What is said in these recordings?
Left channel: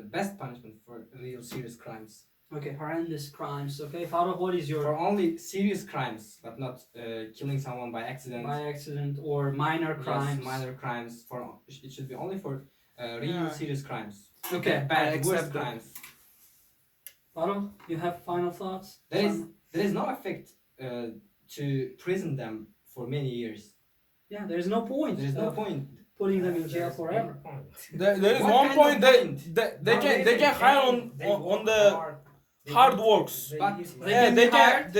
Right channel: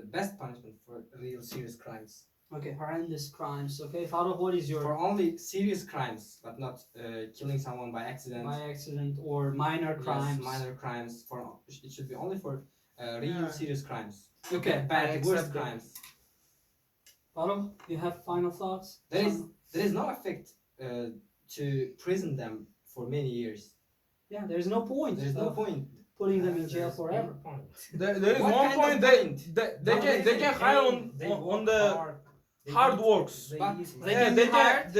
the best punishment for real serious crimes. Okay, horrendous crimes. Okay, Farah, what is your For only serious crimes, but not killing someone by accident. by accident or minor crimes? Yes, minor crimes. For it should be only for real serious crimes. Okay, Bad, I worst accept that. crimes. Farah, you have final thoughts? There is no effect to prison them for many years. Yeah, there's no point. There is no point. Putting them in jail forever. There is What one kind point of that point? they can hire on the hard works. But They can be Good hired.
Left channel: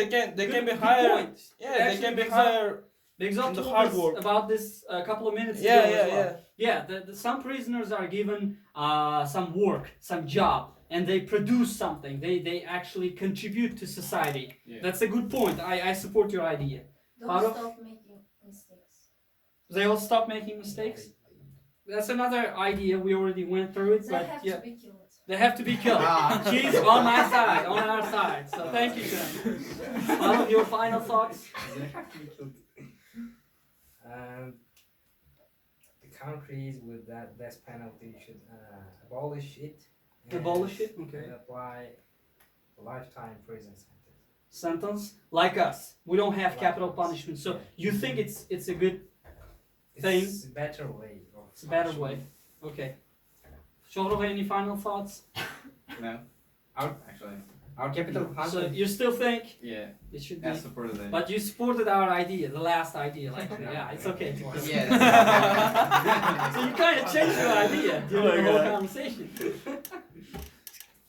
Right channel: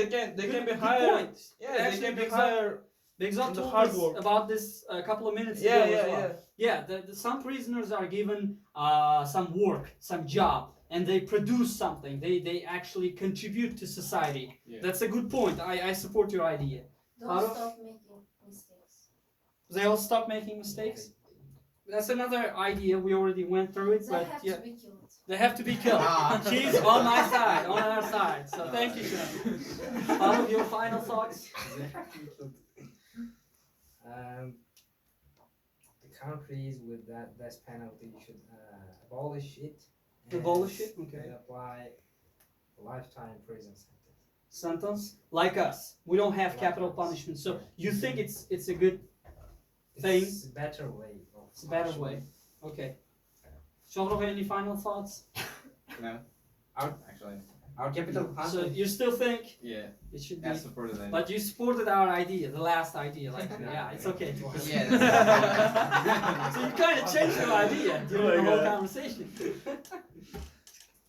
point. Yeah, they can be hired. Begzat In the told hard us work. about this a couple of minutes Yeah, ago yeah, as well. yeah. Yeah, some prisoners are given some work, some job, and they produce something. They actually contribute to society. Yeah. That's a good point. I support your idea. Don't Farah? stop making mistakes. They all stop making mistakes. That's another idea. We already went through it, They but have yeah, to be killed. they have to be killed. She's on my side, on our side. So thank you, Shan. All of your final thoughts. The countries with that death penalty should abolish it. Abolish it, okay. And apply lifetime prison sentence. Sentence like us. We don't have Like capital us. punishment. So Yeah. you think it's a good thing? It's a better way. It's a better way. Okay. Shohreh, any final thoughts? No. Our capital So punishment. you still think Yeah. it should I be? supported it. But you supported our idea, the last idea. Like, yeah, it's okay. Yeah. So you kind of changed your idea during the whole conversation.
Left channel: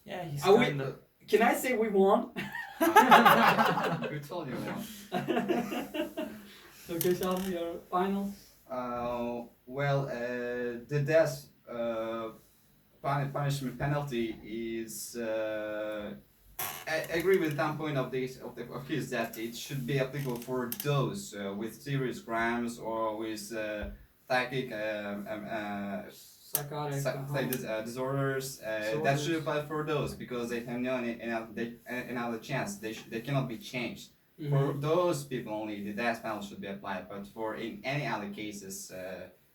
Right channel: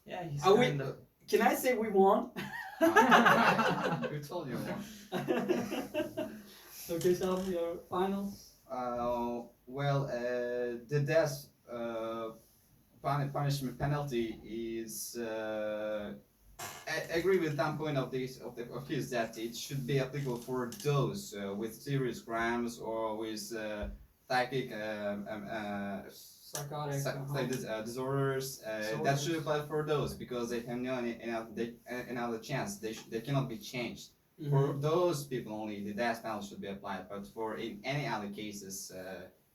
Yeah, he's Are we? kinda. Can I say we won? Who told you? Okay, so your final. The death punishment penalty is. I agree with that point of his that it should be applicable for those with serious crimes or with psychic Psychotic. disorders. That should apply for those because they have no another chance. They cannot be changed. For those people only, the death penalty should be applied. But for in any other cases,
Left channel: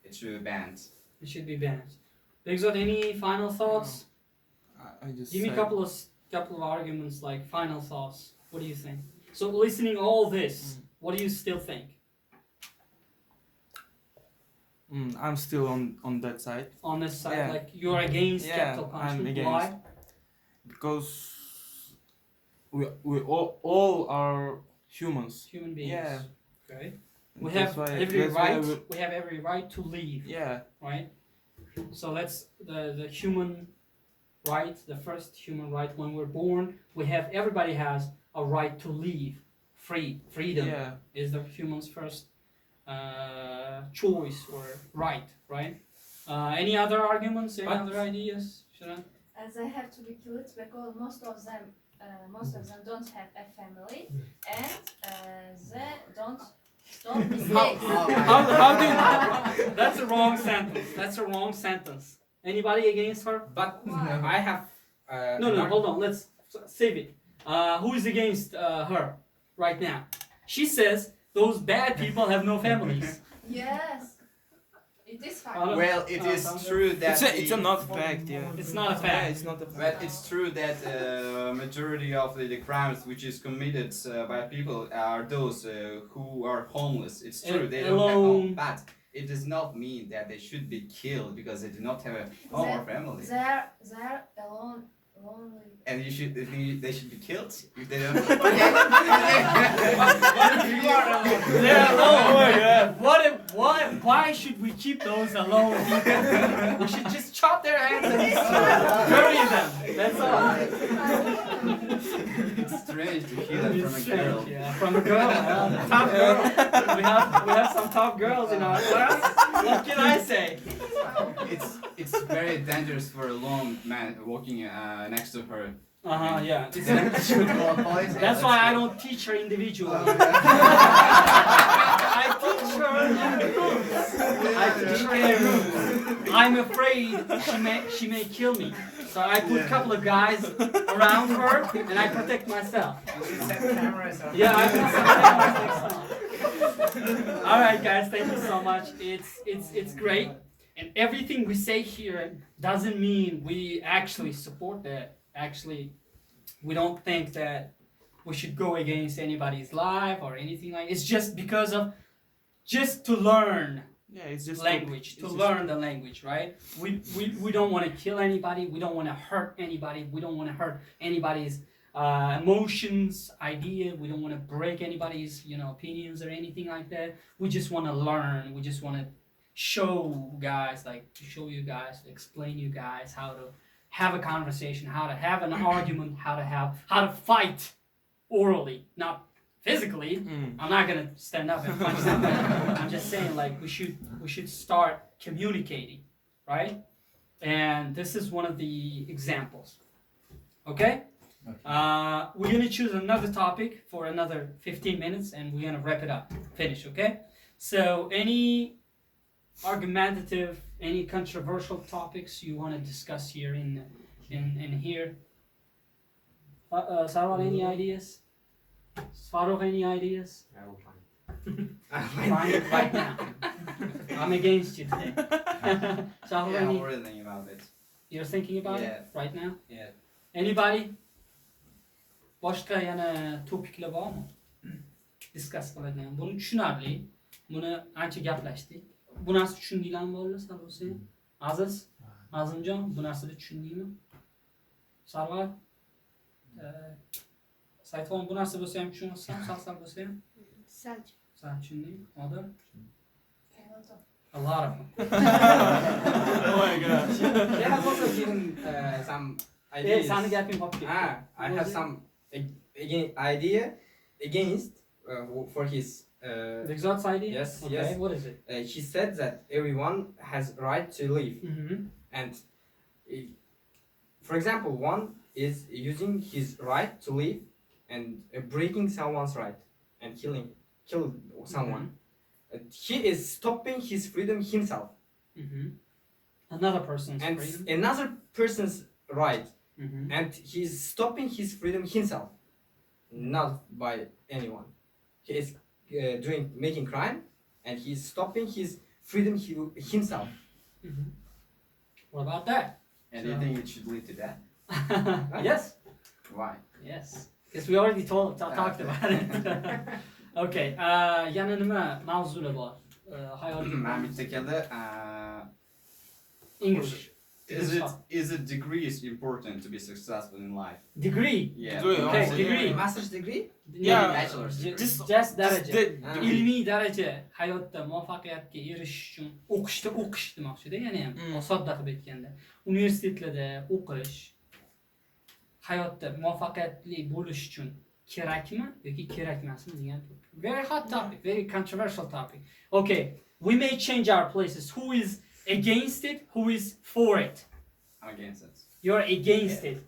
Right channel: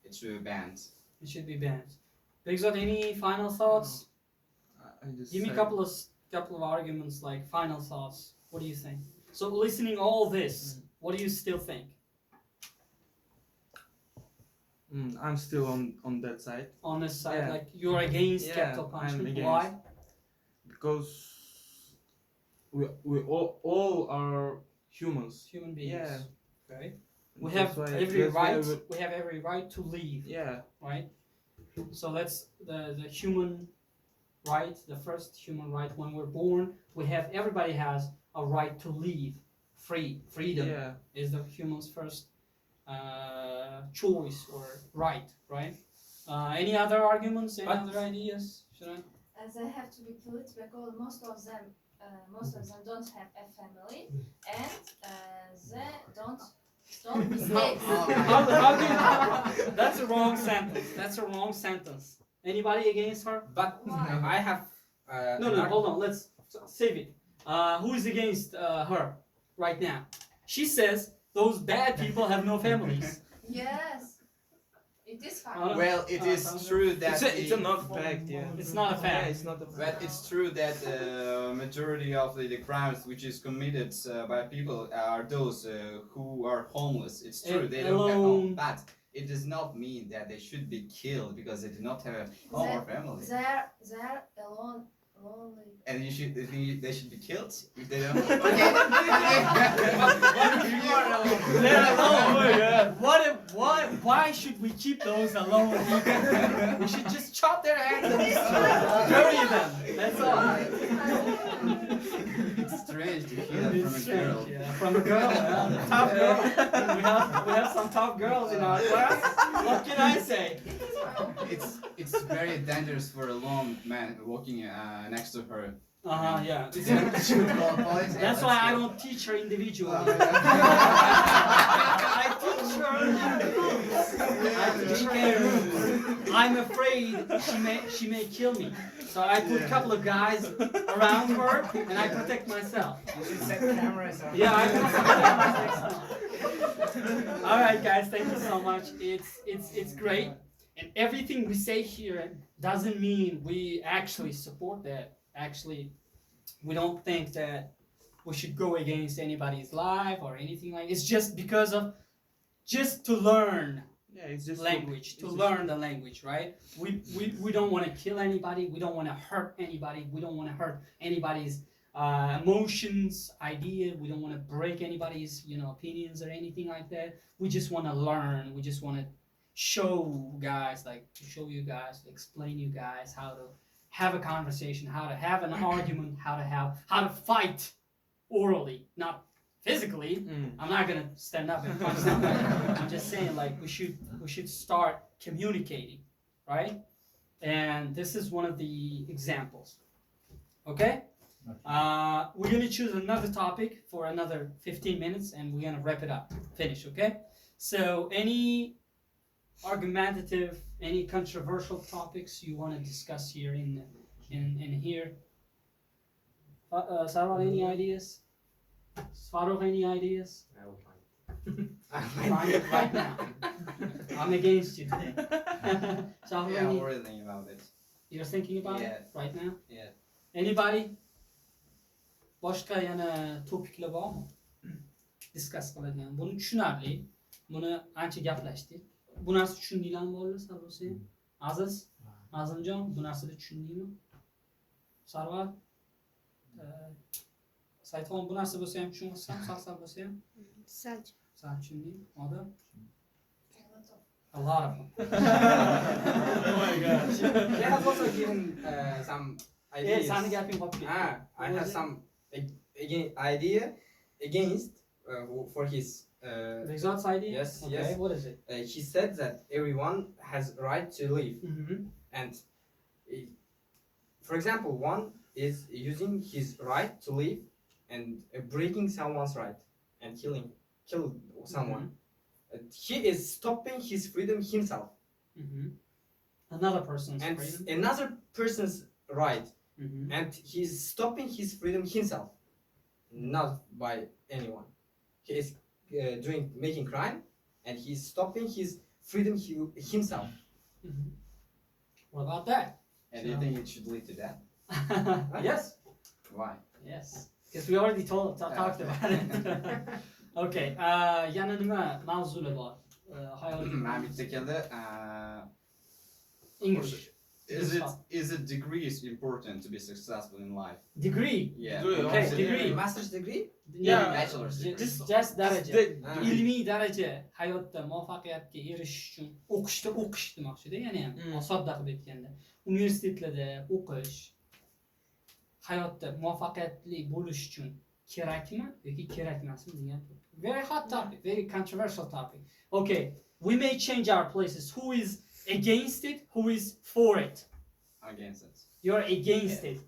it should be banned. It should be banned. Begzat, any final thoughts? I just Give me a said- couple of arguments, like final thoughts. What do you think? So listening all this, what do you still think? I'm still on that side On this side, Yeah. like you're against Yeah, capital I'm punishment. against. Why? because we all are humans. Human beings. Yeah. Okay. And We that's have why- every that's why right. We have every right to leave. Yeah. Right. So let's the human right, the first human right when we're born, everybody has a right to leave. Freedom Yeah. is the human's first choice or right. Any other arguments? Any But- other ideas? Shiran? As they have to be killed because most of them don't have a family and they don't stop mistakes. How do you, that's a wrong sentence. That's a wrong sentence. Anybody against her? But Why? I have. No, hold on. Let's save it. Who is against her right now? She says those bad people have no families. Yes, it is Uh, fine. Well, it is true that It's a not fact. Yeah. It's not a fact. Yeah, it's not a But fact. it's true that majority of the crimes which is committed by people are those who are homeless. It's true they don't have alone. home, but it does not mean that they should be killed because they do not have a home or family. They're alone, lonely. And they should be killed if they don't. You are alone. They're alone. Why should we keep those alone? We should just chop their heads and bury them. That's all. It's strange to hear that from a girl. Yeah, from a girl. Tough girl. We have some tough girls in our class. What can I say? It's very dangerous for a lone man walking next to her. Yeah. That's That's why I don't teach her individually. I teach her in groups. I teach her in groups. I'm afraid she may kill me. So I put a couple of guys around her and I protect myself. Set cameras on. Yeah, I put some cameras next time. All right, guys, thank you so much. It's great. And everything we say here doesn't mean we actually support that. Actually, we don't think that we should go against anybody's life or anything like. It's just because of just to learn Yeah, it's just language, to learn the language, right? We don't want to kill anybody. We don't want to hurt anybody. We don't want to hurt anybody's emotions, idea. We don't want to break anybody's, opinions or anything like that. We just want to learn. We just want to show you guys, explain you guys how to have a conversation, how to have an argument, how to fight orally, not physically. I'm not gonna stand up and punch somebody. I'm just saying, we should start communicating, right? And this is one of the examples. Okay? We're gonna choose another topic for another 15 minutes, and we're gonna wrap it up. Finish, okay? So, any argumentative, any controversial topics you want to discuss here in here? Sarwar, any ideas? Svarov, any ideas? I will find. Find it right now. I'm against you today. Sarwar, Yeah, I'm any? really thinking about it. You're thinking about Yeah. it right now? Yeah. Anybody? Boshqa yana topiklar bormi? Discuss qiladigan. Buni tushunarli. Buni ancha gaplashdik. Bu narsa tushundinglarmi bolalar, Sarvar sen? Aziz, Azimjon, bu narsani tushundingmi? Sarvar? Saytxon, bu narsa bo'lsa ham tushunasizmi? Sal bo'lsa ham? Sal tushunding? Odam? A lot of them. Oh my gosh. They have also given some ideas. Sani gaping qolib ketdi. I have some idea against for his. Exot's idea? Yes, Okay, yes. what is it? He said that everyone has right to live, and for example, one is using his right to live and breaking someone's right and kill someone. He is stopping his freedom himself Another person's and freedom. another person's right, Mhm. and he's stopping his freedom himself, not by anyone. He is making crime, and he's stopping his freedom himself. What about that? And do you think it should lead to that? Yes. Why? Yes. Because we already talked about it. Okay. Yana nima mavzular bor? Hayoliga. Man bitta keldi. English. Is it degrees important to be successful in life? Degree. Yeah. Degree, Okay, honestly. degree. Master's degree? Yeah. Bachelor's degree. Just daraja. Ah. Ilmiy daraja hayotda muvaffaqiyatga erishish uchun o'qish demoqchida, yana ham sodda qilib aytganda. Universitetlarda o'qish hayotda muvaffaqiyatli bo'lish uchun kerakmi yoki kerak emasmi degan. Very hot topic, very controversial topic. Okay, we may change our places. Who is against it? Who is for it? I'm against it. You're against it.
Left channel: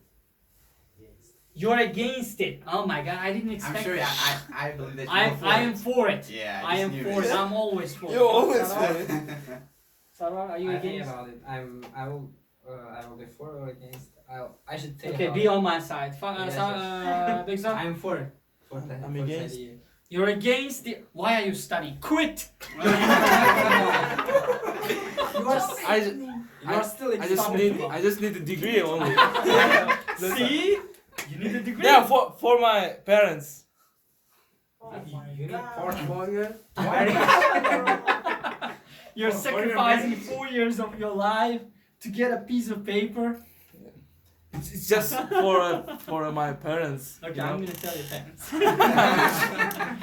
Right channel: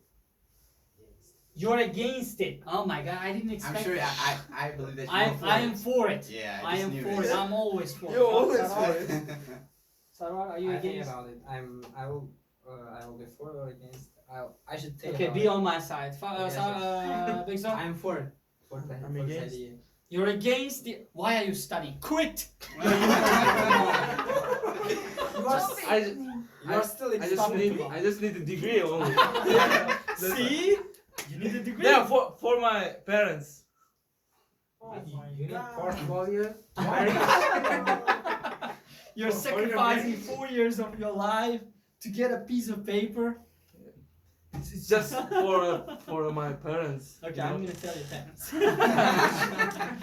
You're against it. Oh my god, I didn't I'm expect sure that. I believe that I you're am for it. Yeah, I am for it. I'm always for it. You're always Sarwar? for it. Sarwar, are you I think against? about it. I will be for or against. I should think Okay, about be it. on my side. Yes, Big Zan, I'm for it. For that. I'm for that against. idea. you're against it. Why are you studying? Quit. You are still examining. I just need a degree only. See? You need a degree. Yeah, for my parents. You need portfolio. You're sacrificing 4 years of your life to get a piece of paper. It's just for my parents. Okay, I'm gonna tell your parents.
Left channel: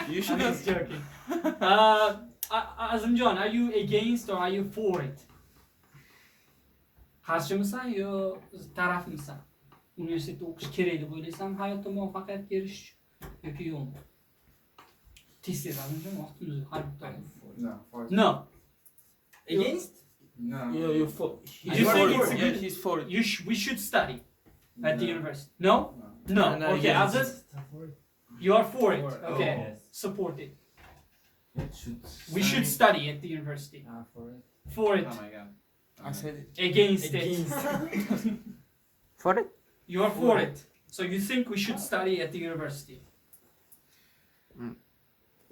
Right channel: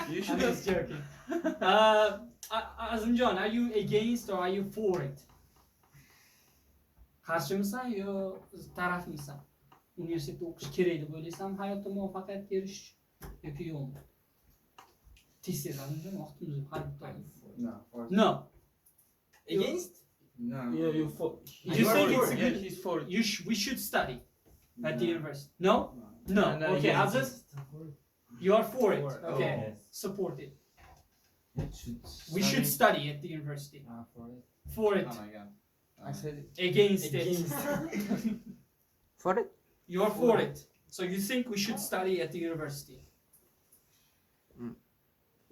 You I'm should. just joking. Azimjon, are you against or are you for it? Qarshimisan yo tarafmisan? Universitetda o'qish kerak deb o'ylaysanmi hayotda muvaffaqiyatga erishish yoki yo'qmi? Tez Azimjon, vaqtimiz har bitta. No. Against? Yeah, you're for. You think it's yeah, good? he's for it. We should study at the university. No? No. No, Okay, yes. Aziz, you are for it. For it. Okay, Yes. support it. We should study at the university. For it. For it. Oh my god. I said it. Against it. For it? You are for it. So you think we should study at the university?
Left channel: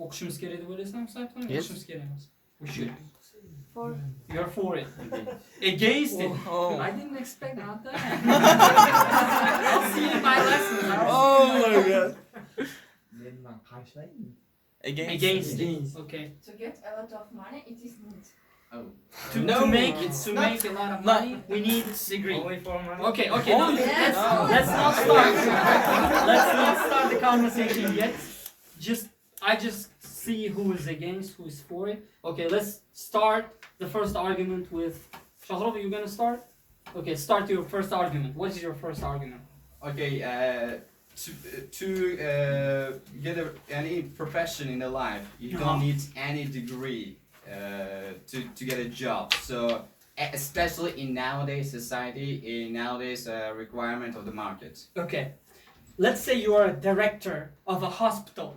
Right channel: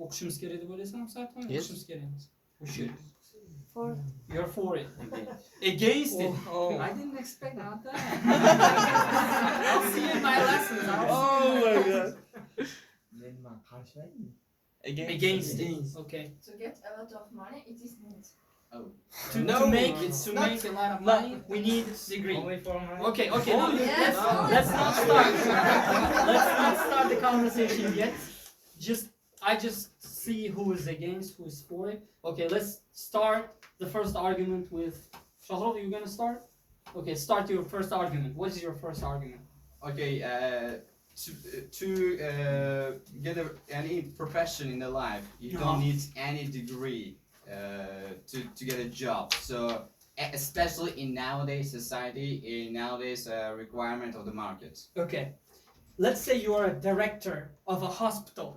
O'qishimiz kerak deb o'ylaysanmi, Sayfon? Yes. O'qishimiz kerak emas. We should. For You're for it. Against it. Oh. I didn't expect not that. I'll see in my lessons. Oh my god. Yeniden karşılayayım mı? Against it. Okay. to get a lot of money, it is need. Oh. To No, make it's to not. make a lot of money, we need degree. Only for money. Okay, okay, no, Yes. let's not start. Let's not start the conversation yet. I just see who is against, who is for it. Okay, let's start the first argument with Shahrov. You gonna start? Okay, start your first argument. What is your first argument? Okay, to get any profession in the life, you Uh-huh. don't need any degree to get a job. So, especially in nowadays society, in nowadays requirement of the market. Okay, let's say you are a director of a hospital.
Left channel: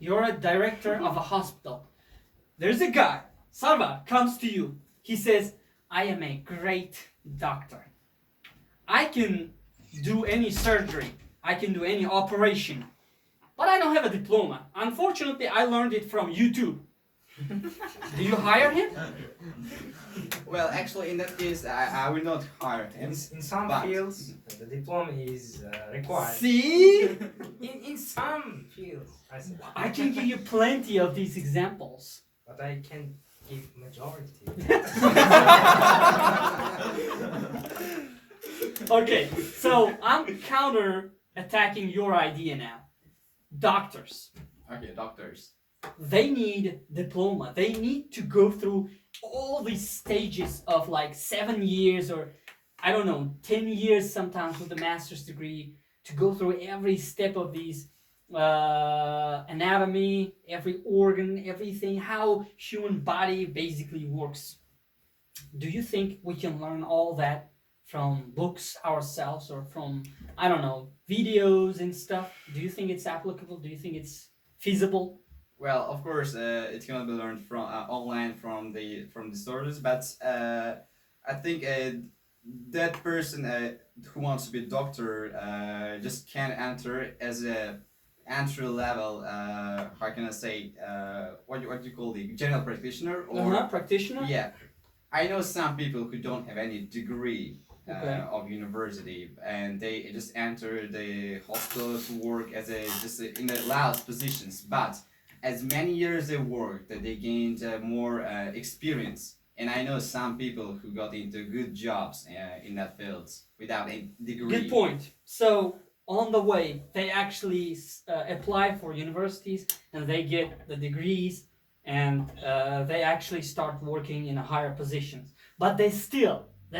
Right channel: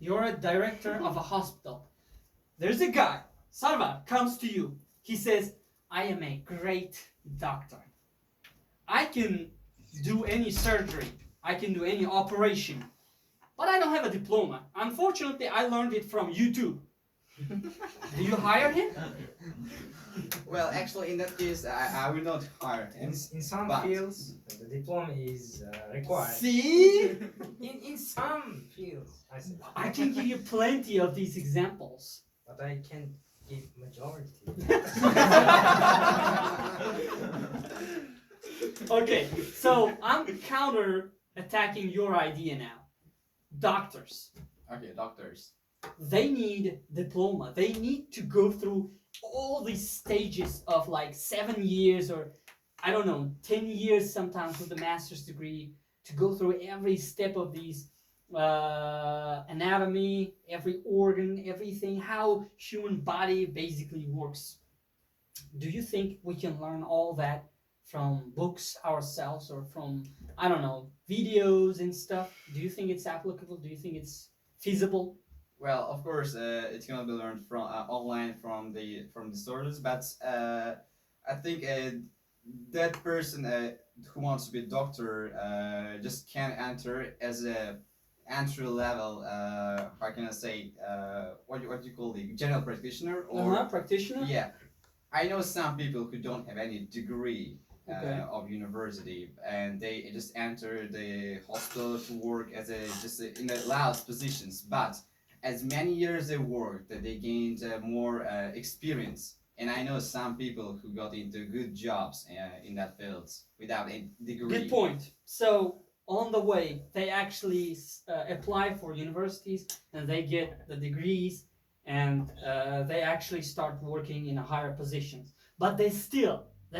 You're a director of a hospital. There's a guy, Sarvar, comes to you. He says, I am a great doctor. I can do any surgery. I can do any operation. But I don't have a diploma. Unfortunately, I learned it from YouTube. Do you hire him? Well, actually, in that case, I will not hire him. In some But- fields, the diploma is required. See? In some fields, I said. I can give you plenty of these examples. But I can give majority. Okay, so I'm counter attacking your idea now. Doctors, Okay, doctors. they need diploma. They need to go through all these stages of like 7 years or I don't know, 10 years sometimes with a master's degree to go through every step of these anatomy, every organ, everything, how human body basically works. Do you think we can learn all that from books ourselves or from, I don't know, videos and stuff? Do you think it's applicable? Do you think it's feasible? Well, of course, it cannot be learned from online from the sources, but I think that person who wants to be a doctor just can't enter as a entry level. How can I say? What do you call the general practitioner or? Practitioner? Yeah, I know some people who don't have any degree Okay. of university, and they just enter the hospital to work as in the lowest positions. But as many years they worked, that they gained more experience. And I know some people who got into good jobs in that field without a degree. Good point. So on the way, they actually apply for universities and they get the degrees and they actually start working in a higher positions. But that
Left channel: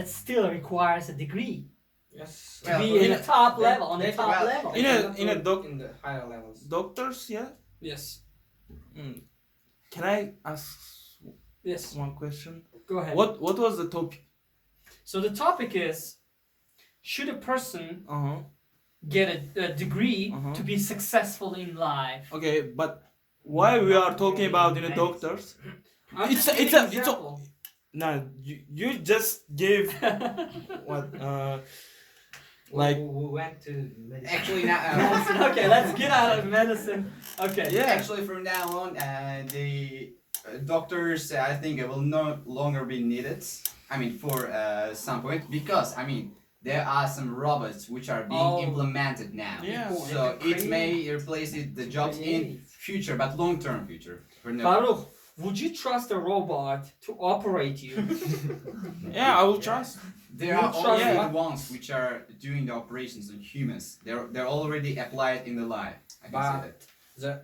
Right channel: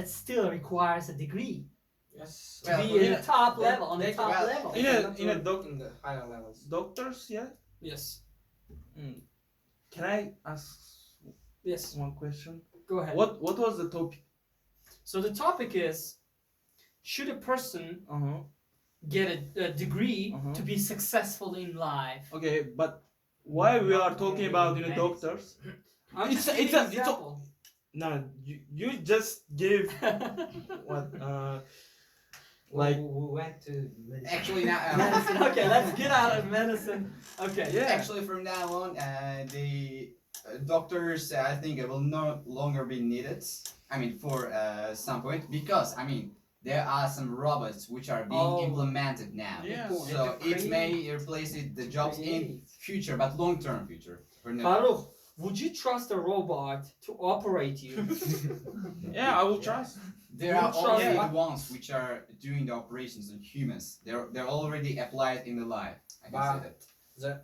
still requires a degree Yes. to Well, be in in a top they- level, on the they- top well, level. They In a- cannot in a work doc- in the higher levels. Doctors, yeah. Yes. Can I ask Yes. one question? Go ahead. What was the topic? So the topic is, should a person Uh-huh. get a degree Mhm. to be successful in life? Okay, but why we are talking about doctors? I'm It's just a- giving it's a- example. No, you just gave what like we went to medicine. Actually, now. Medicine. Okay, let's get out of medicine. Okay. yeah. Actually, from now on, the doctors, I think, will no longer be needed. I mean, for some point, because I mean, there are some robots which are being Oh. implemented now. Yeah. So it may replace the jobs in future, but long-term future. For now. Farouk, would you trust a robot to operate you? Yeah, I will trust. There You are trust already what? ones which are doing the operations on humans. They're already applied in the life. I can say that.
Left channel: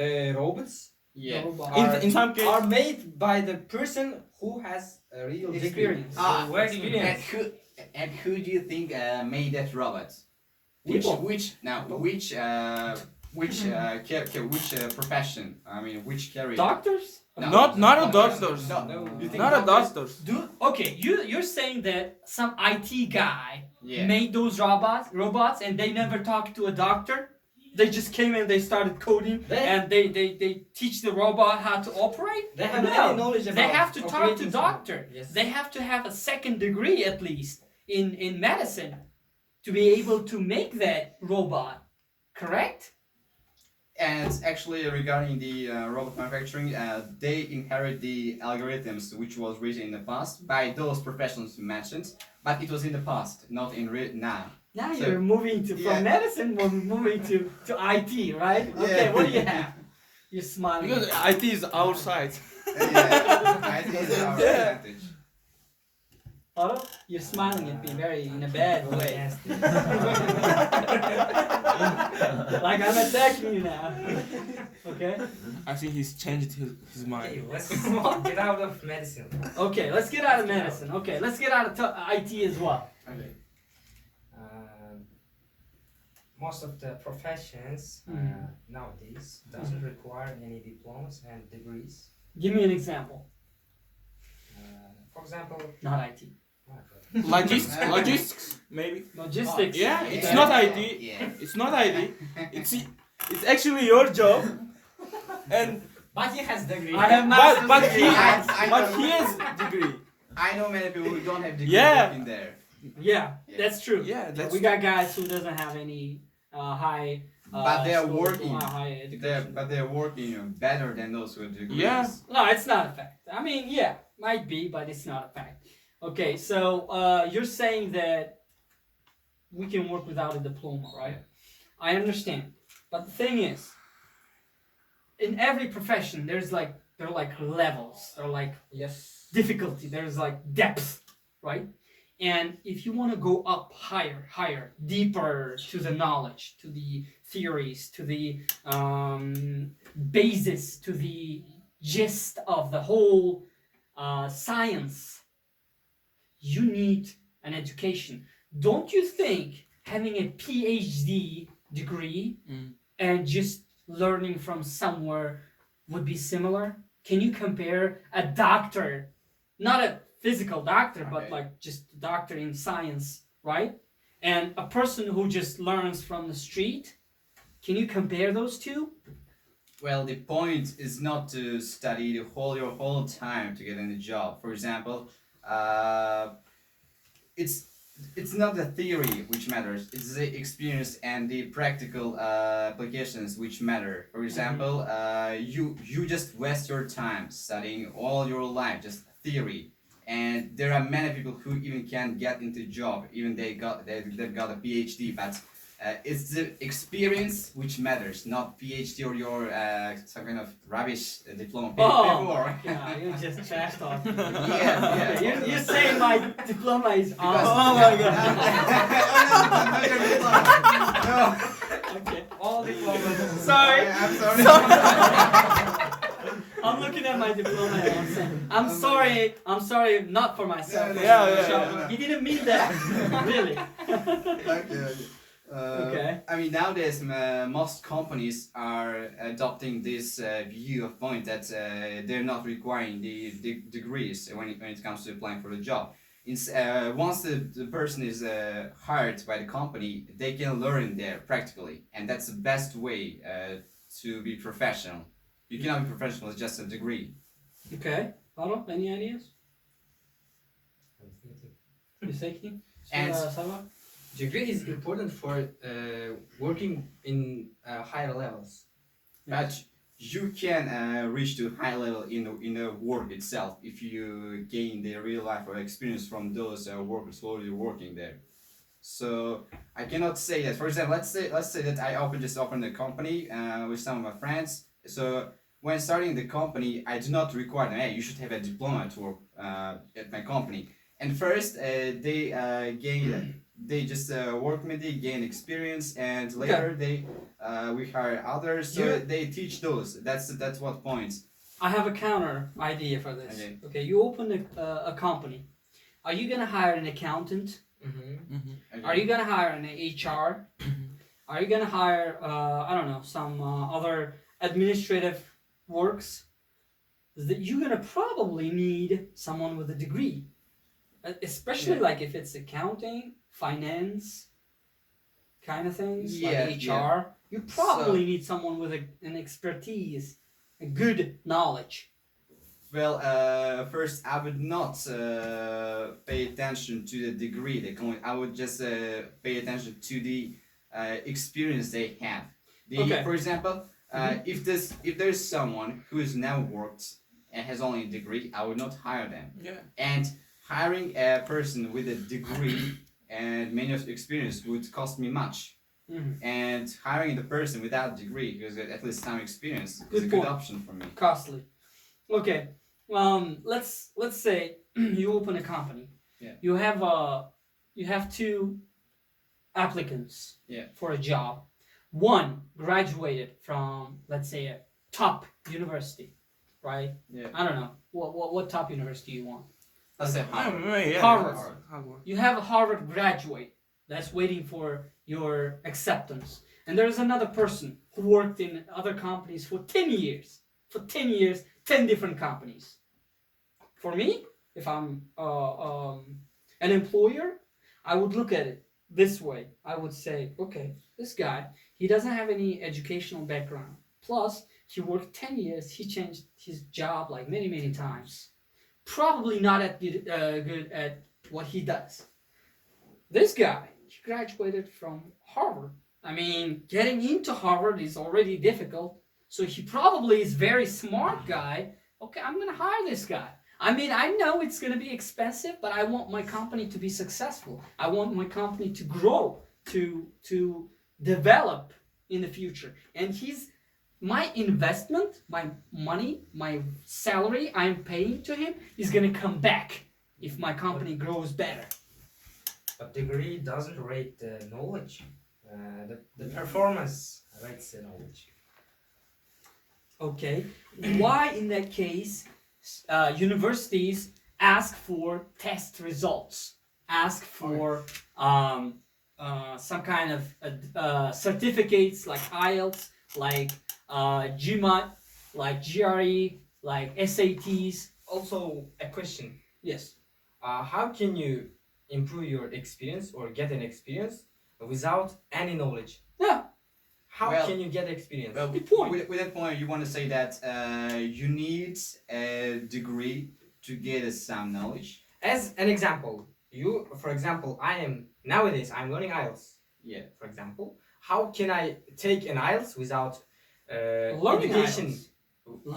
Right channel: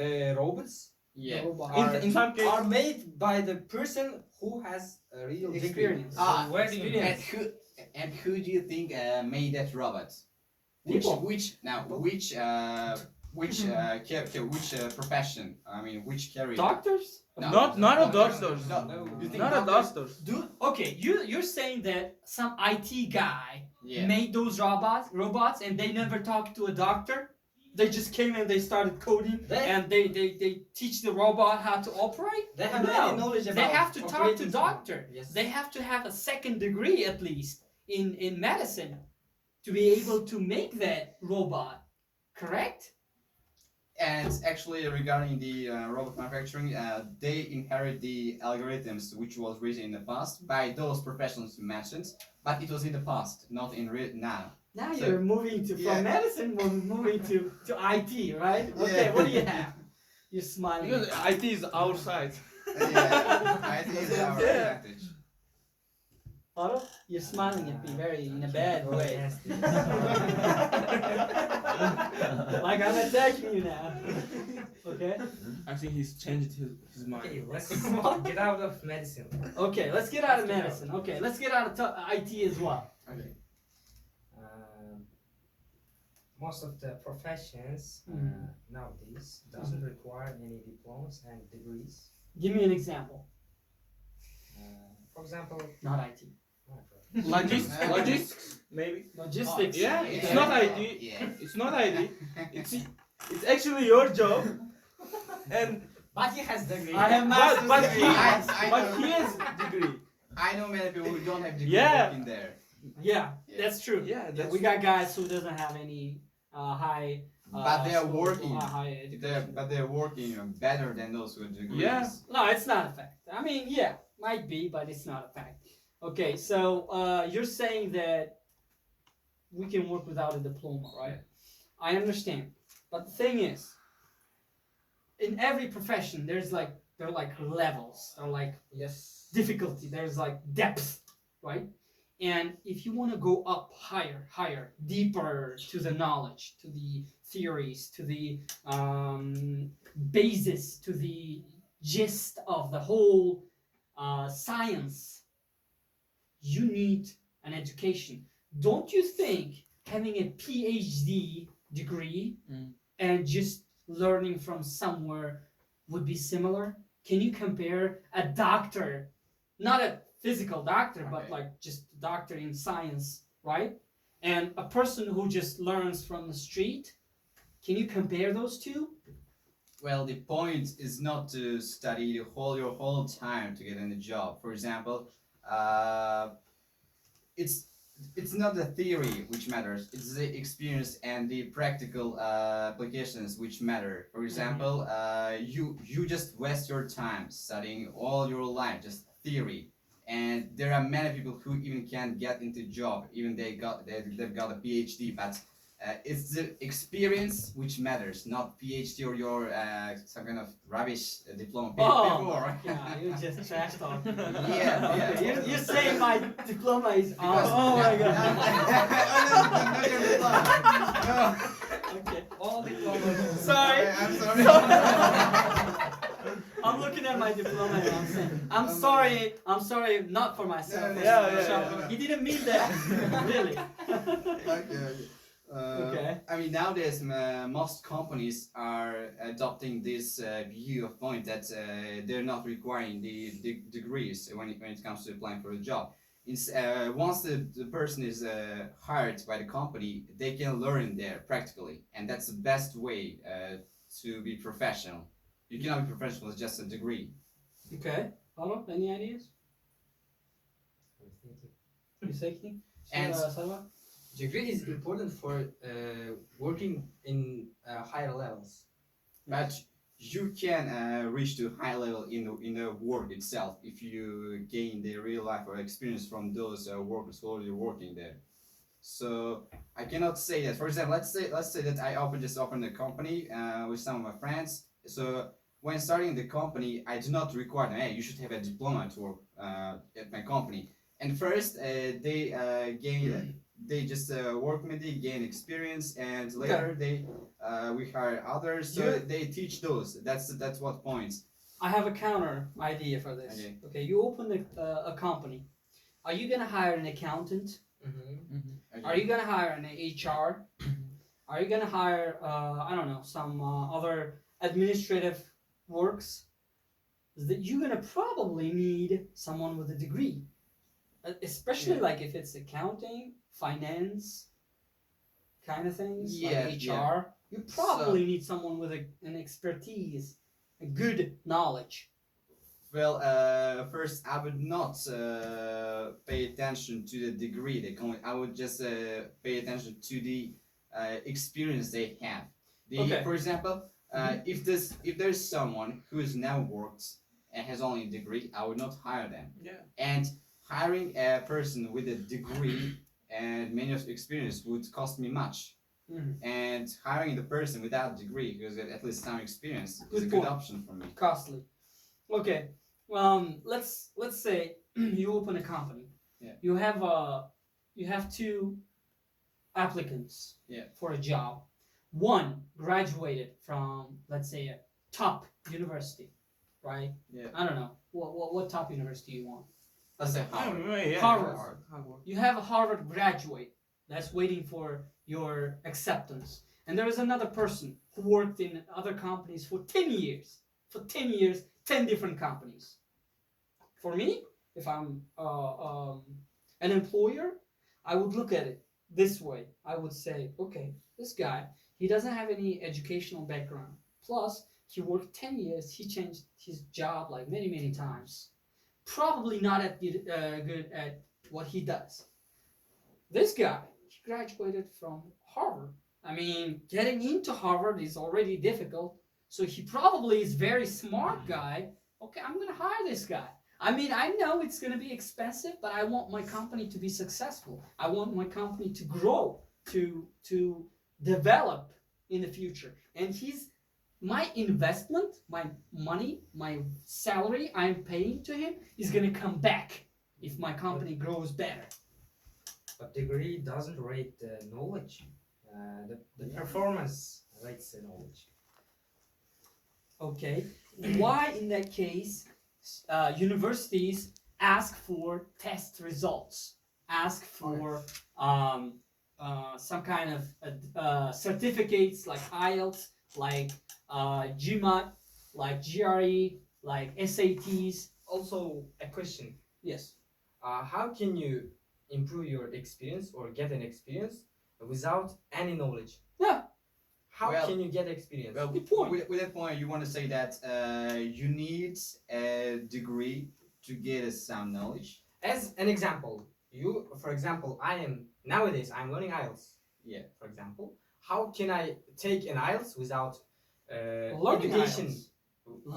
The robots Yeah. In some case, are made by the person who has a real Experience. Ah, Degree. Where do you And who do you think made that robot? Which People. which profession? I mean, which career? Doctors? No. not a No, doctors. No. You think Not a doctors? doctors. Okay, you're saying that some IT guy Yeah. made those robots and they never talked to a doctor? They just came and they started coding They- and they teach the robot how to operate? They have No. any knowledge about They have to talk to operating doctor. system. Yes. They have to have a second degree at least in medicine to be able to make that robot, correct? And actually, regarding the robot manufacturing, they inherit the algorithms which was written in the past by those professionals you mentioned, but it was in the past, not in now. Now So- you're moving to Yeah. from medicine, we're moving to IT, right? Okay, Yeah. what do you have? You're smiling. Because IT is our side. Yeah, I think it's our Yeah. advantage. Otto, you're smiling at me very in a bad Go way. against it. Like I'm attacking you now. Okay? I think he's changed his Okay, mind. let's get out of medicine. Okay, let's get out of medicine. Okay, let's get out of IT as well. Okay. Most of the professions Mhm. nowadays doesn't require any diplomas and degrees. Give me an example. For example, Not IT. Logistics, maybe. Logistics. Yeah, Yeah. it's not IT. Yeah. It's not IT. It's actually your job. And but he has degree. I have master's but he degree. I has degree. I know many people who don't have degree Yeah. working there. Yeah, that's true. Yeah, that's We got guys who doesn't have any high. But they are schools or working. High education. But they're working better than those with degrees. Yeah. No, it's not a fact. I mean, yeah, might be, but it's not a fact. Okay, so you're saying that we can work without a diploma, right? I understand, but the thing is, in every profession, there are like levels, there are like Yes. difficulty, there's like depth, right? And if you want to go up higher, deeper to the knowledge, to the theories, to the basis, to the gist of the whole science, you need an education. Don't you think having a PhD degree Mm. and just learning from somewhere would be similar? Can you compare a doctor, not a physical doctor, but Okay. like just a doctor in science, right? And a person who just learns from the street? Can you compare those two? Well, the point is not to study your whole time to get in a job. For example, it's not the theory which matters. It's the experience and the practical applications which matter. For example, you just waste your time studying all your life just theory, and there are many people who even can't get into job, even they've got a PhD, but. It's the experience which matters, not PhD or your some kind of rubbish diploma before. yeah, you just trash talk. Yeah, Okay, yeah. you're saying my diploma is awesome. Oh my God. Oh, no, not your diploma. Okay. All diplomas. Sorry. I'm sorry. I'm looking at my diploma and I'm saying, I'm sorry, not for myself. Yeah. He didn't mean that, really. Okay. Okay. I mean, nowadays most companies are adopting this view of point that they're not requiring the degrees when it comes to applying for a job. Once the person is hired by the company, they can learn there practically, and that's the best way to be professional. You cannot be professional with just a degree. Okay. Otto, any ideas? You thinking? And- Salwa? Degree is important for working in higher levels. But you can reach to high level in the work itself if you gain the real life or experience from those workers who are working there. So I cannot say that. For example, let's say that I opened a company with some of my friends. So when starting the company, I do not require them. Hey, you should have a diploma to work at my company. And first, they just work with me, gain experience, and later we hire others. So they teach those. That's what points. I have a counter idea for this. Okay. Okay, you open a company. Are you gonna hire an accountant? Mm-hmm. Are you gonna hire an HR? Are you gonna hire I don't know, some other administrative works? That you're gonna probably need someone with a degree, especially like if it's accounting, finance, kind of things, Yeah, like HR. You probably need someone with an expertise, a good knowledge. Well, first I would not pay attention to the degree they come with. I would just pay attention to the experience they have. Okay. For example, If there's someone who has now worked and has only a degree, I would not hire them. Yeah. And hiring a person with a degree and many years of experience would cost me much. Mhm. And hiring the person without degree, who has at least some experience, is Good a good point. option for me. Costly. Okay. Let's say you open a company. Yeah. You have two applicants. Yeah. For a job. One graduated from, let's say, a top university, right? Yeah. I don't know what top university you want. Let's say Harvard. Yeah. Harvard. Harvard. You have a Harvard graduate that's waiting for your acceptance. And there's another person who worked in other companies for 10 years. For 10 years, 10 different companies. For me, if I'm an employer, I would look at it this way. I would say, okay, this guy, he doesn't have any educational background. Plus, he worked 10 years, he changed his job like many, many times. Probably not good at what he does. This guy, he graduated from Harvard. I mean, getting into Harvard is already difficult. So he probably is very smart guy. Okay, I'm gonna hire this guy. I mean, I know it's gonna be expensive, but I want my company to be successful. I want my company to grow, to develop in the future. And my investment, my money, my salary I'm paying to him is gonna come back if my company grows better. But degree doesn't rate knowledge. The performance rates the knowledge. Okay, why in that case universities ask for test results, ask for some kind of certificates like IELTS, like GMAT, like GRE, like SATs? Also, a question. Yes. How can you improve your experience or get an experience without any knowledge? Yeah. How Well- can you get experience? Well, Good point. With that point, you want to say that you need a degree to get some knowledge. As an example, for example, nowadays I'm learning IELTS. Yeah. For example, how can I take an IELTS without Learning education? IELTS.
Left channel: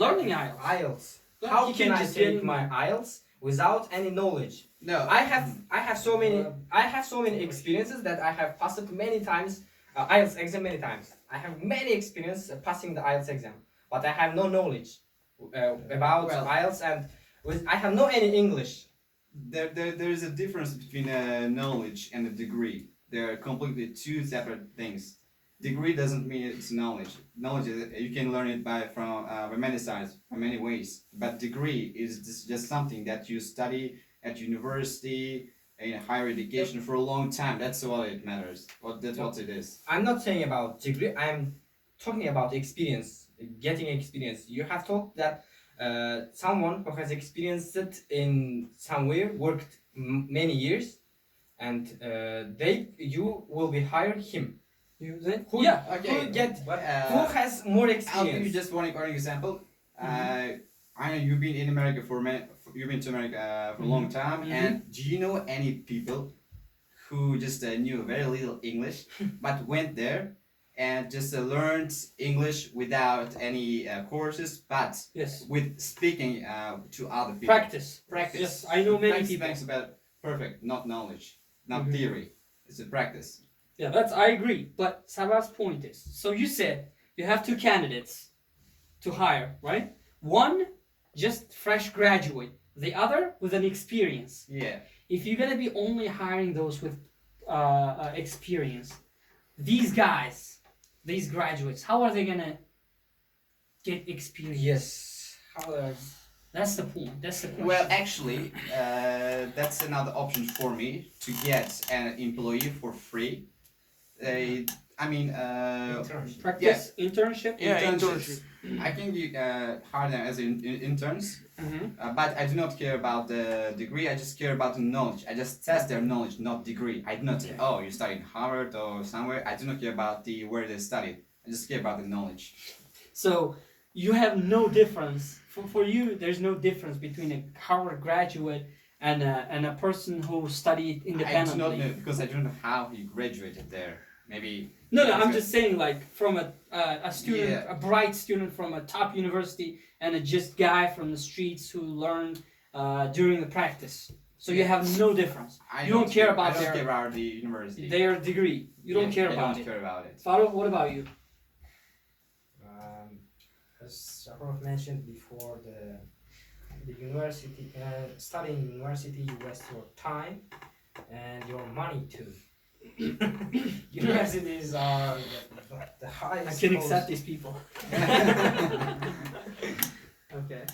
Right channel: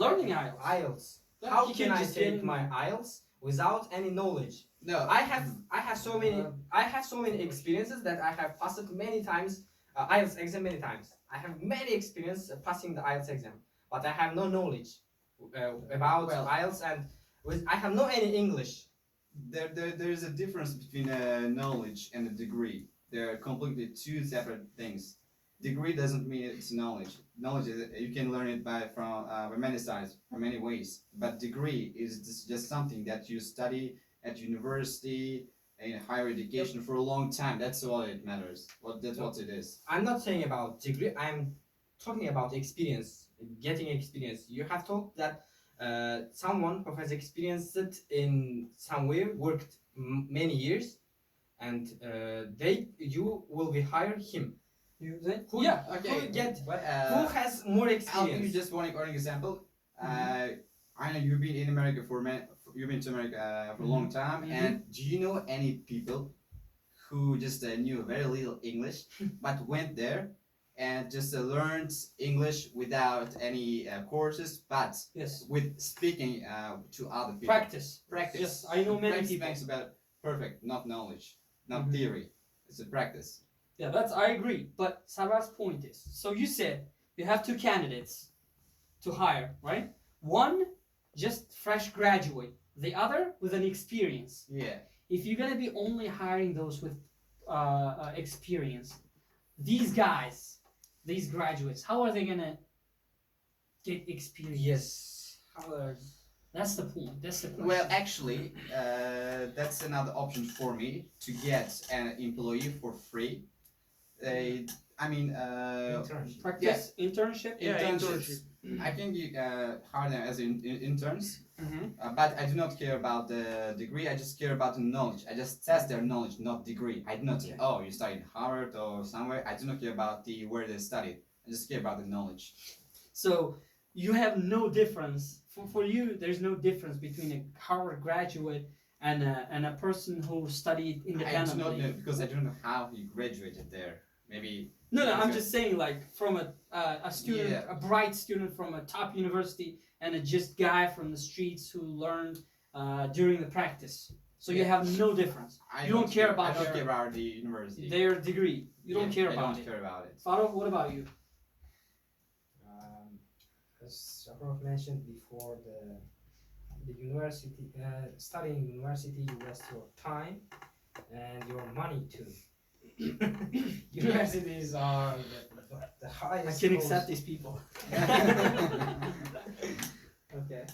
Learning IELTS. IELTS. Yeah, How you can can I just take get- my IELTS without any knowledge? No. I have so many experiences that I have passed many times IELTS exam many times. I have many experience passing the IELTS exam, but I have no knowledge about Well- IELTS and I have no any English. There is a difference between knowledge and a degree. They're completely two separate things. Degree doesn't mean it's knowledge. Knowledge is, you can learn it by many sides, by many ways. But degree is just something that you study at university in higher education for a long time. That's all it matters. That's what it is. I'm not saying about degree. I'm talking about experience, getting experience. You have told that someone who has experienced it in somewhere, worked many years, and you will be hire him. Who, Yeah. Who get But who has more I'll give you experience? just one example. I know you've been in America you've been to America for a long time, and do you know any people who just knew very little English, but went there and just learned English without any courses, but Yes. with speaking to other people? Practice. Practice. Yes, I know many people. Thanks about perfect, not knowledge, not theory. It's a practice. Yeah, I agree. But Sarah's point is, so you said you have two candidates to hire, right? One just fresh graduate, the other with an experience. Yeah. If you're gonna be only hiring those with experience, these guys, these graduates, how are they gonna get experience? Yes. How That's the point. That's the question. Well, actually, that's another option for me to get an employee for free. I mean, internship. Practice, internship. Yeah, internships. I can hire them as interns, Mm-hmm. but I do not care about the degree. I just care about the knowledge. I just test their knowledge, not degree. I do not say, oh, you studied in Harvard or somewhere. I do not care about where they studied. I just care about the knowledge. So you have no difference. For you, there's no difference between a Harvard graduate and a person who studied I do not independently. know because I don't know how he graduated there. maybe. No, I'm Okay. just saying, like, from a student, Yeah. a bright student from a top university, and a just guy from the streets who learned during the practice. So you Yeah. have no difference. I You don't care about I don't their- care about the university. Their degree. You don't care I about don't it. care about it. Farouk, what about you? As Shahrof mentioned before, the university, studying university, you waste your time and your money too. Universities are the I highest. can cost. accept these people. Okay.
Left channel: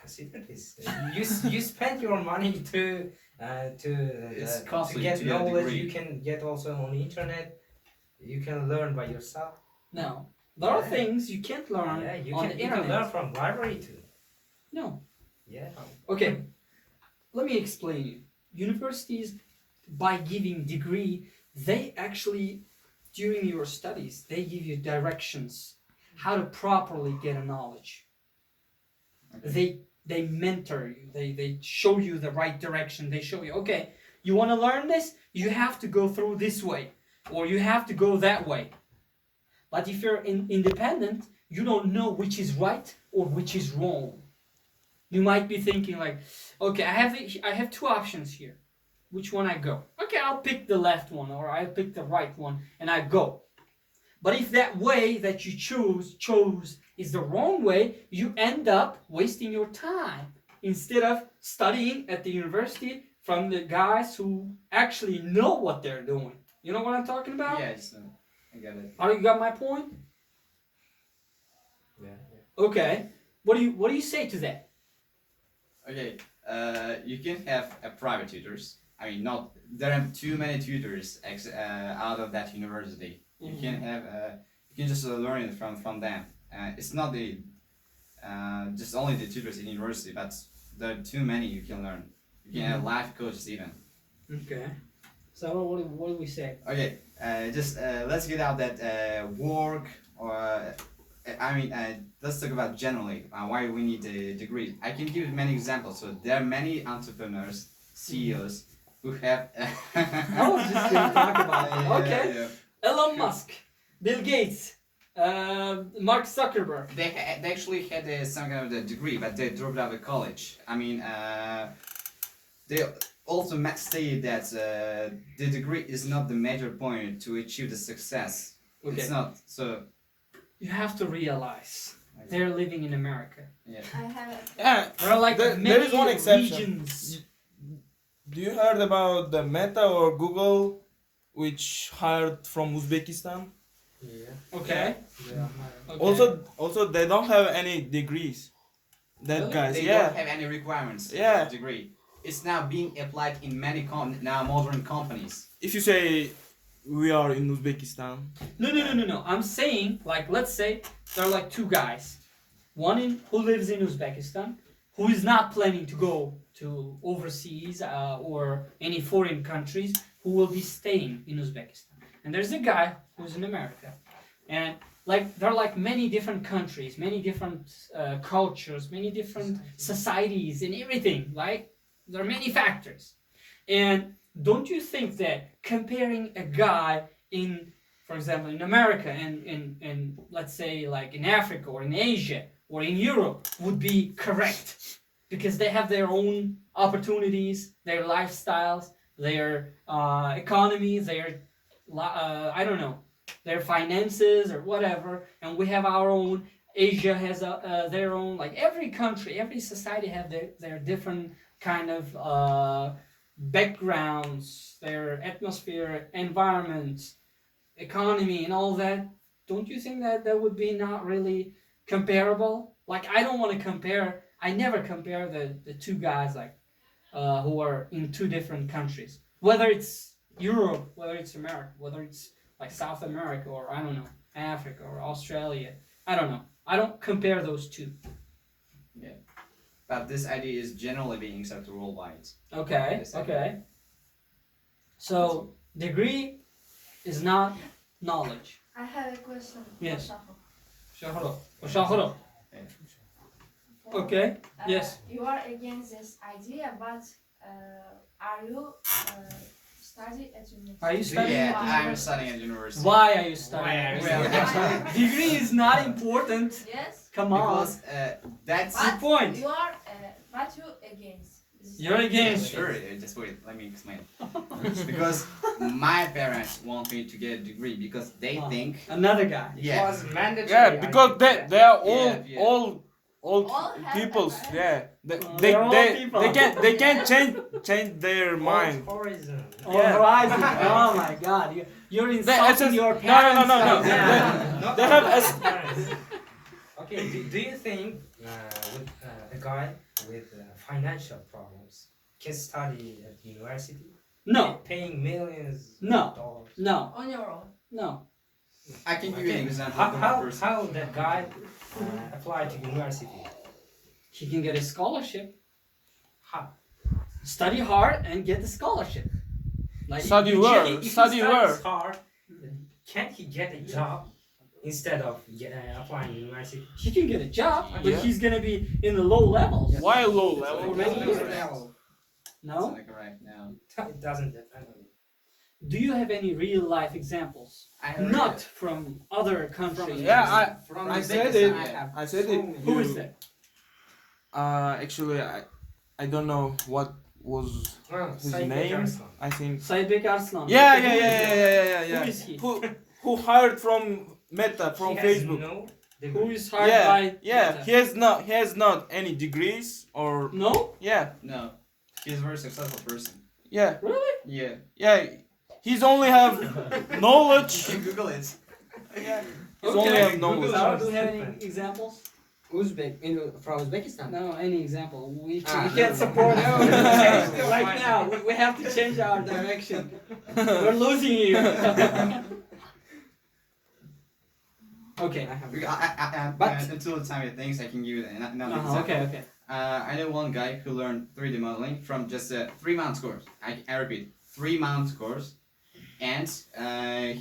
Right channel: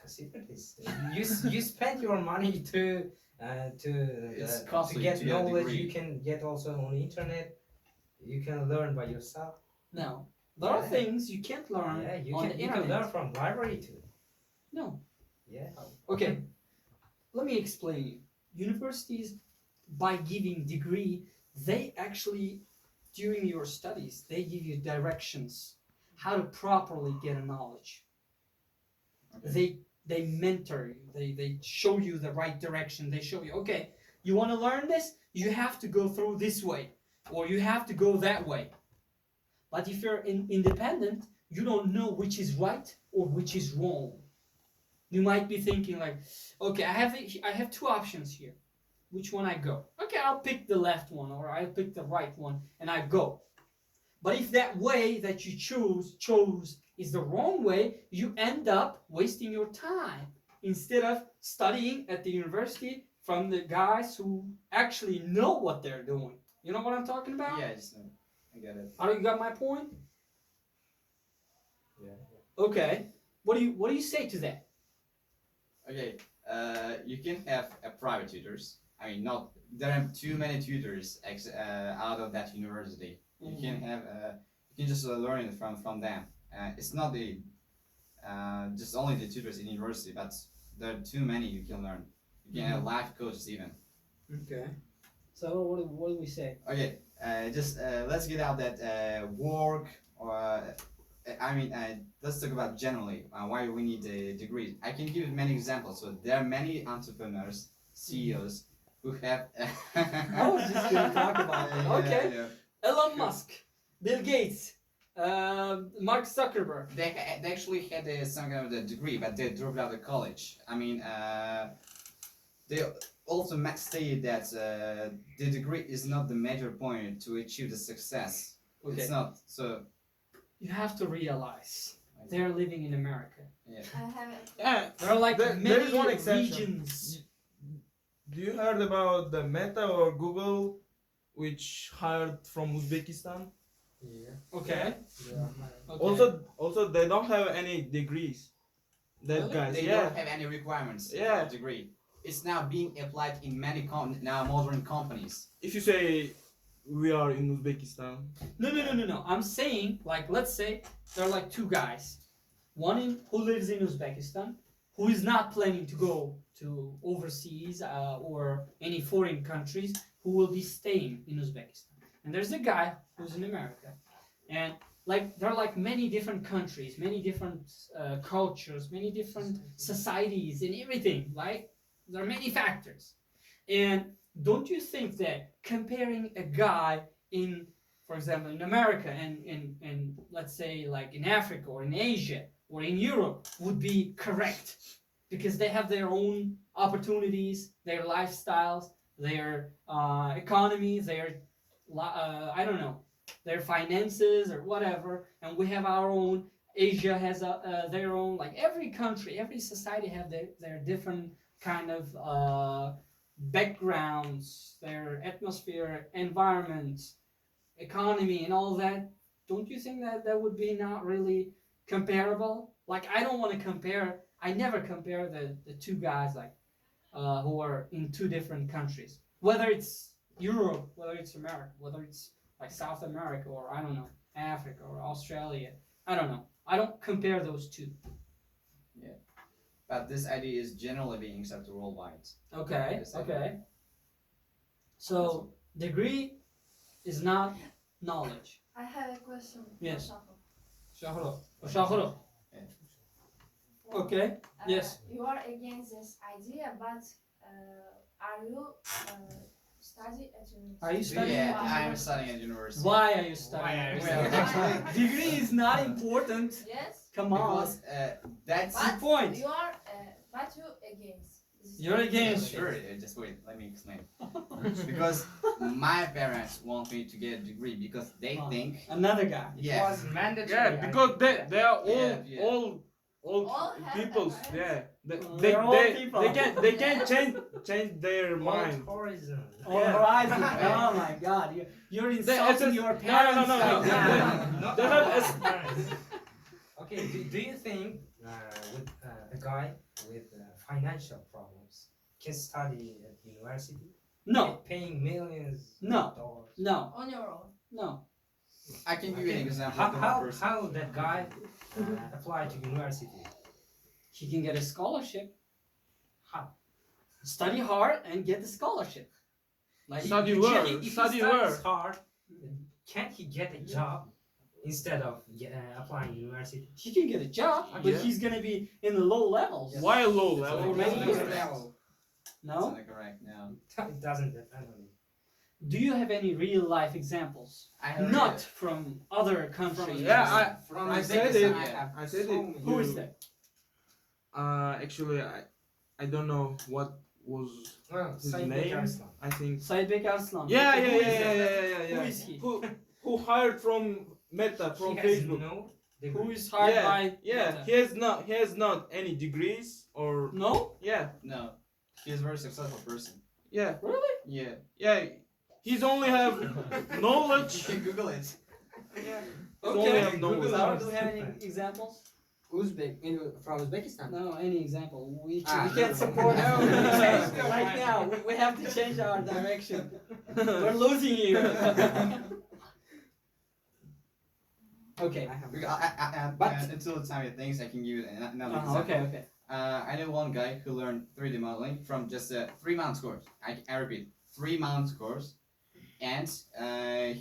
Consider this. You spend your money It's to costly get to get a knowledge. degree. You can get also on the internet. You can learn by yourself. Now, there are Yeah. things you can't learn Yeah, you on can the you can internet. learn from library too. No. Yeah. Okay. Let me explain you. Universities, by giving degree, they actually, during your studies, they give you directions how to properly get a knowledge. They mentor you. They show you the right direction. They show you, okay, you want to learn this, you have to go through this way, or you have to go that way. But if you're independent, you don't know which is right or which is wrong. You might be thinking like, okay, I have two options here. Which one I go? Okay, I'll pick the left one, or I'll pick the right one, and I go. But if that way that you chose is the wrong way, you end up wasting your time instead of studying at the university from the guys who actually know what they're doing. You know what I'm talking about? Yeah, I get it. You got my point? Yeah. Okay. What do you say to that? Okay, you can have private tutors. I mean, not there are too many tutors out of that university. You can have you can just learn it from them. It's not the just only the tutors in university, but there are too many you can learn. You can have life coaches even. Okay. So what do we say? Okay, just let's get out that work or I mean, let's talk about generally why we need a degree. I can give many examples. So there are many entrepreneurs, CEOs who have. I was just gonna talk about it. Okay. Yeah. Elon Musk, Bill Gates, Mark Zuckerberg. They actually had some kind of a degree, but they dropped out of college. I mean, they also stated that the degree is not the major point to achieve the success. Okay. It's not. So You have to realize they're living in America. I have Yeah. There are like There many is one exception. regions. Do you heard about the Meta or Google, which hired from Uzbekistan? Yeah. Okay. Yeah. Okay. Also, they don't have any degrees. That Really? guys, they yeah. don't have any requirements for Yeah. a degree. It's now being applied in many now modern companies. If you say we are in Uzbekistan, No. I'm saying, like, let's say there are like two guys. One who lives in Uzbekistan, who is not planning to go to overseas or any foreign countries, who will be staying in Uzbekistan. And there's a guy who's in America. And like there are like many different countries, many different cultures, many different societies and everything. Like there are many factors. And don't you think that comparing a guy in, for example, in America and in let's say like in Africa or in Asia or in Europe would be correct? Because they have their own opportunities, their lifestyles, their economy, their I don't know, their finances or whatever, and we have our own. Asia has their own. Like every country, every society have their different kind of backgrounds, their atmosphere, environment, economy, and all that. Don't you think that that would be not really comparable? Like I don't want to compare. I never compare the two guys like who are in two different countries, whether it's Europe, whether it's America, whether it's like South America or I don't know, Africa or Australia. I don't know. I don't compare those two. But this idea is generally being accepted worldwide. Okay. Yes, Okay. So degree is not knowledge. I have a question. Yes. for Shahro. Shahro. Okay. Yes. You are against this idea, but are you study at university. Are you studying Yeah, at the I'm university? studying at university. Why are you studying? Why are you Well, studying? degree is not important. Yes, Come on. Because that's Good point. you are, but you against. This is You're very against. Sure, just wait, let me explain. Because my parents want me to get a degree because they Ah. think, Another guy. It yeah, was mandatory. Yeah, because they are all Yeah, yeah. all All have peoples. that, right? Yeah, Well, they they're all they, people. they can change their mind. Horizon. Oh, Yeah. Horizon. Oh my God. You're insulting it's- your no, no, parents. no, no, right no. now. Not They have all as- parents. Okay, do you think with a guy with financial problems can study at university? No, Paying millions No. of dollars. no, On your own. no. I can give you an example How, of how, one person. how that guy apply to university? He can get a scholarship. How? Study hard and get the scholarship. Like Study you where? check- If Study he studies where? hard, can't he get a job instead of applying university? He can get a job, but Yeah. he's gonna be in the low levels. Why low So, level? Already? No? Like right now. It doesn't depend on it. Do you have any real life examples? I have Not from other countries. Yeah, From I said Uzbekistan, it. I have I said so it. many. Who is that? Actually, I don't know what was Well, his Said name. Arslan. I think. Said Bek Arslan. Yeah, Okay, yeah, who yeah, is yeah, that? yeah, yeah, yeah. Who is he? Who hired from Meta from He has Facebook? no Who degree. is hired Yeah, by yeah. Meta? He has not any degrees or No? yeah, No, he's a very successful person. yeah, Really? Yeah. yeah. He's only have knowledge. You can Google it. He's only have Okay. knowledge. Sarah, do you have any examples? From Uzbekistan. No, any example. We Ah, can't no. support No, right now. We have to change our direction. We're losing you. Okay. I have. But until the time it thinks, I can give you another example. Okay, okay. I know one guy who learned 3D modeling from just a 3-month course. I repeat, 3-month course, and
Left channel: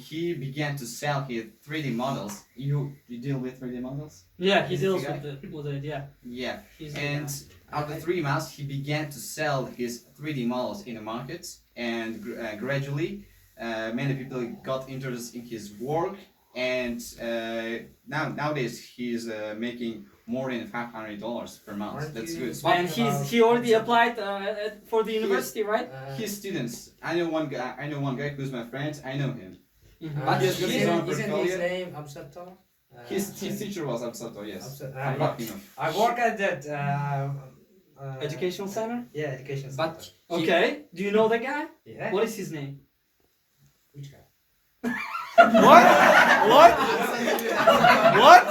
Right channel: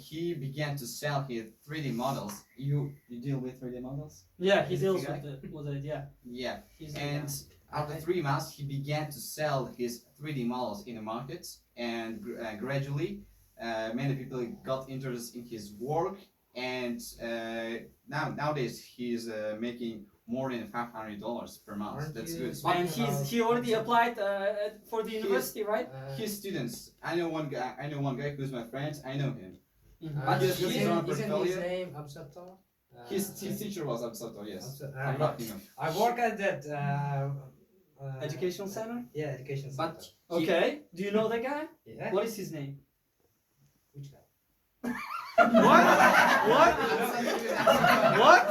he began to sell his 3D models. You deal with 3D models? Yeah, he Is deals the guy? with it. Yeah. Yeah. He's the And guy. after 3 months, he began to sell his 3D models in the markets, and gradually, many people got interested in his work. And nowadays, he's making more than $500 per month. Aren't That's you- good. And he already applied for the university, right? His students. I know one guy. Who's my friend. I know him. But He has got his own isn't his portfolio. name Absato? His teacher was Absato. Yes. Absato. I'm lucky enough. I work at that Educational center. Yeah, education But center. Okay. Do you know the guy? Yeah. What is his name? Which guy? What? What? What?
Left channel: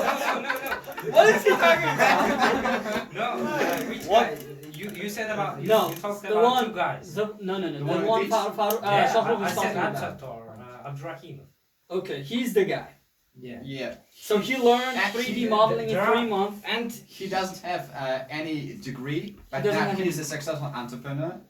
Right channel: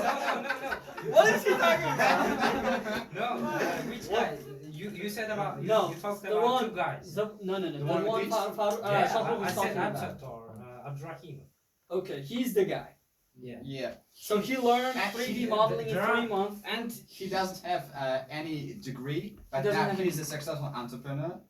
What is he talking about? No, which What? guy? You said about No, you talked the about one- two guys. No. The The one one with Shahrukh I is said talking about. Absat or Abdurrahim. Okay, he's the guy. Yeah. Yeah. So he learned And 3D he- modeling in there 3 are- months. And he doesn't have any degree, but doesn't now have he's a successful entrepreneur.